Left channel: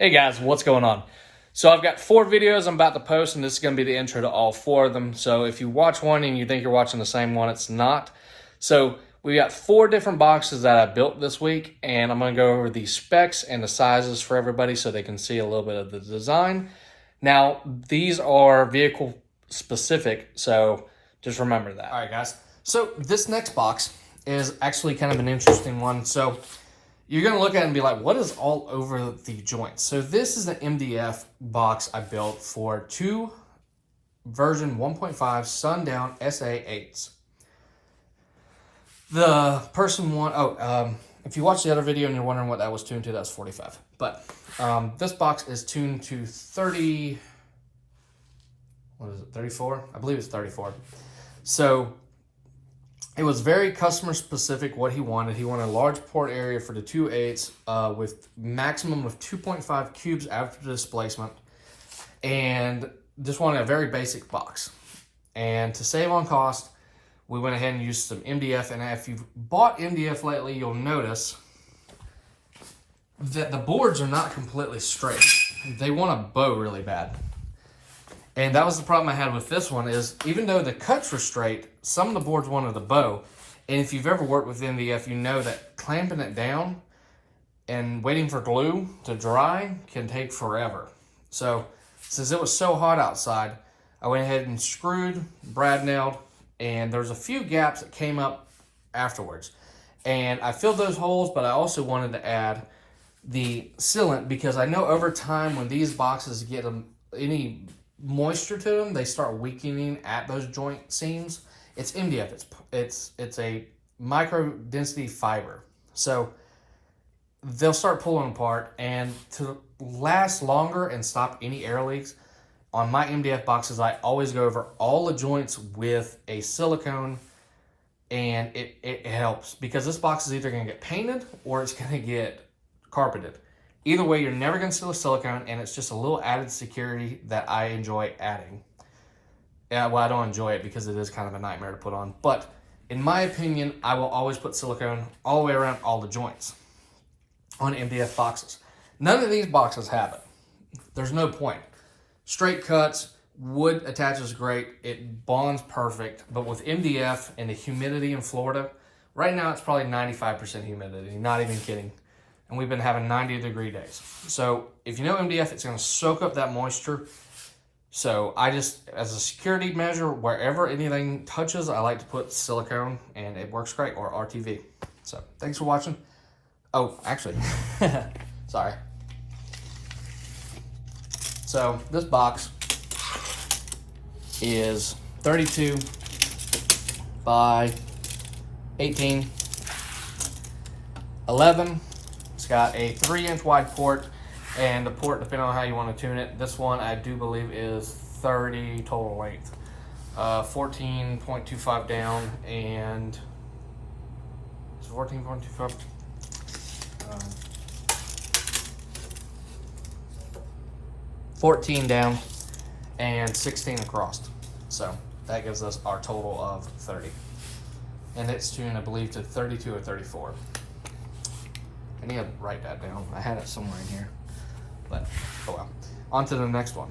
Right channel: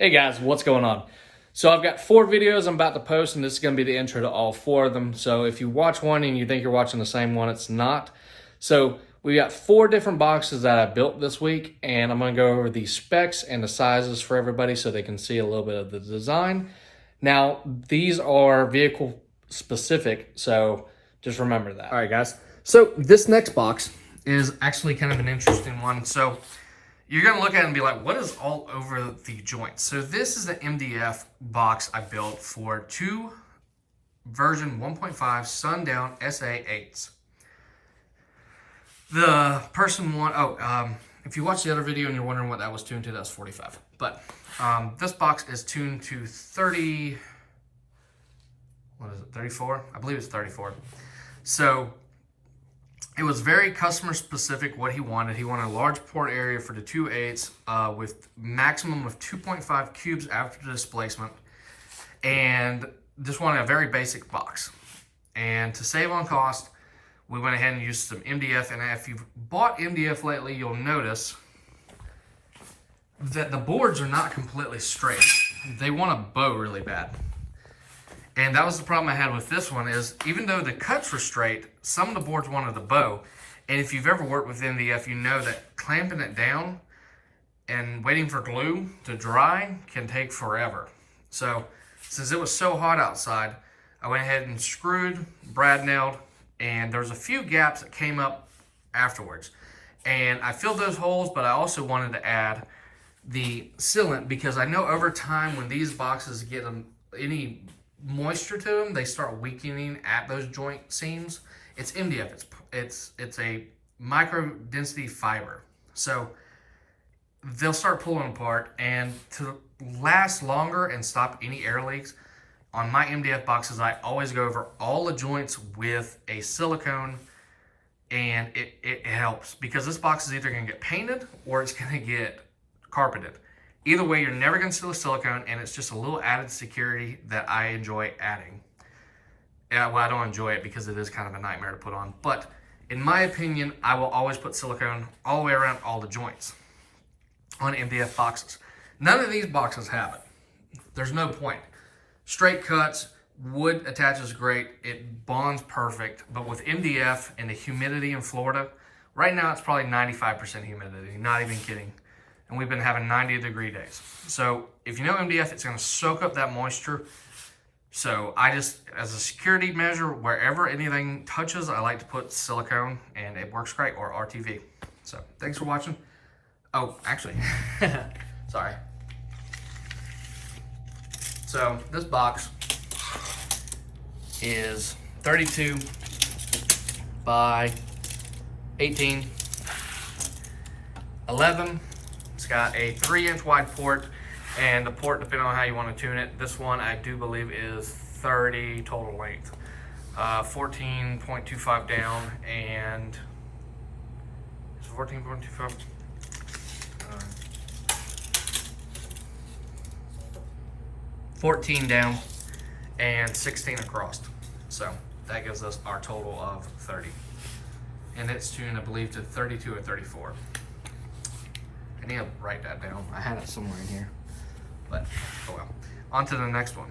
Hey guys, what's going on? So I've got 4 videos I'm about to post, and this is going to be the intro to all 4 of them. So if you watch one and you think you're watching the same one, it's not. So we got 4 different boxes that I built this week, and I'm going to go over the specs and the sizes for everybody so they can see a little bit of the design. Now, these are vehicle specific, so just remember that. All right, guys. So this next box is actually kind of an interesting one. So you're going to look at it and be like, what is all over the joints? So this is the MDF box I built for 2 version 1.5 Sundown SA8s. The person if you watch the other video and you're wondering what that was tuned to, that's 45. But this box is tuned to 30, what is it, 34? I believe it's 34. So it was very customer specific what he wanted. He wanted a large port area for the 2.8s with maximum of 2.5 cubes after displacement, and just wanted a very basic box. And to save on cost, we went ahead and used some MDF. And if you've bought MDF lately, you'll notice that the boards are not completely straight. They want to bow really bad. And that was the problem I had with this one, is even though the cuts were straight, some of the boards wanted to bow. And if you've ever worked with MDF, you know that clamping it down and waiting for glue to dry can take forever. So since it was so hot outside, I went ahead and screwed, brad nailed, and there's a few gaps that came up afterwards. And I filled those holes, but I also wanted to add the sealant, because I know over time when these boxes get any moisture to them, they start weakening at those joint seams. It's MDF. It's a micro density fiber, so they'll start pulling apart. And to last longer and stop any air leaks, on my MDF boxes, I always go over all the joints with a silicone, and it helps, because this box is either going to get painted or it's going to get carpeted. Either way, you're never going to seal a silicone, and it's just a little added security that I enjoy adding. Yeah, well, I don't enjoy it because it is kind of a nightmare to put on, but in my opinion, I will always put silicone all the way around all the joints on MDF boxes. None of these boxes have it. There's no point. Straight cuts, wood attaches great, it bonds perfect, but with MDF and the humidity in Florida, right now it's probably 95% humidity, not even kidding. And we've been having 90-degree days. So if you know MDF, it's going to soak up that moisture. So I just, as a security measure, wherever anything touches, I like to put silicone, and it works great, or RTV. So thanks for watching. Oh, actually, sorry. So this box is 32 by 18, 11. It's got a 3-inch wide port, and the port, depending on how you want to tune it, this one I do believe is 30 total length. 14.25 down, and it's 14.25. 14 down and 16 across. So that gives us our total of 30. And it's tuned, I believe, to 32 or 34. I need to write that down. I had it somewhere in here. But, oh well. On to the next one.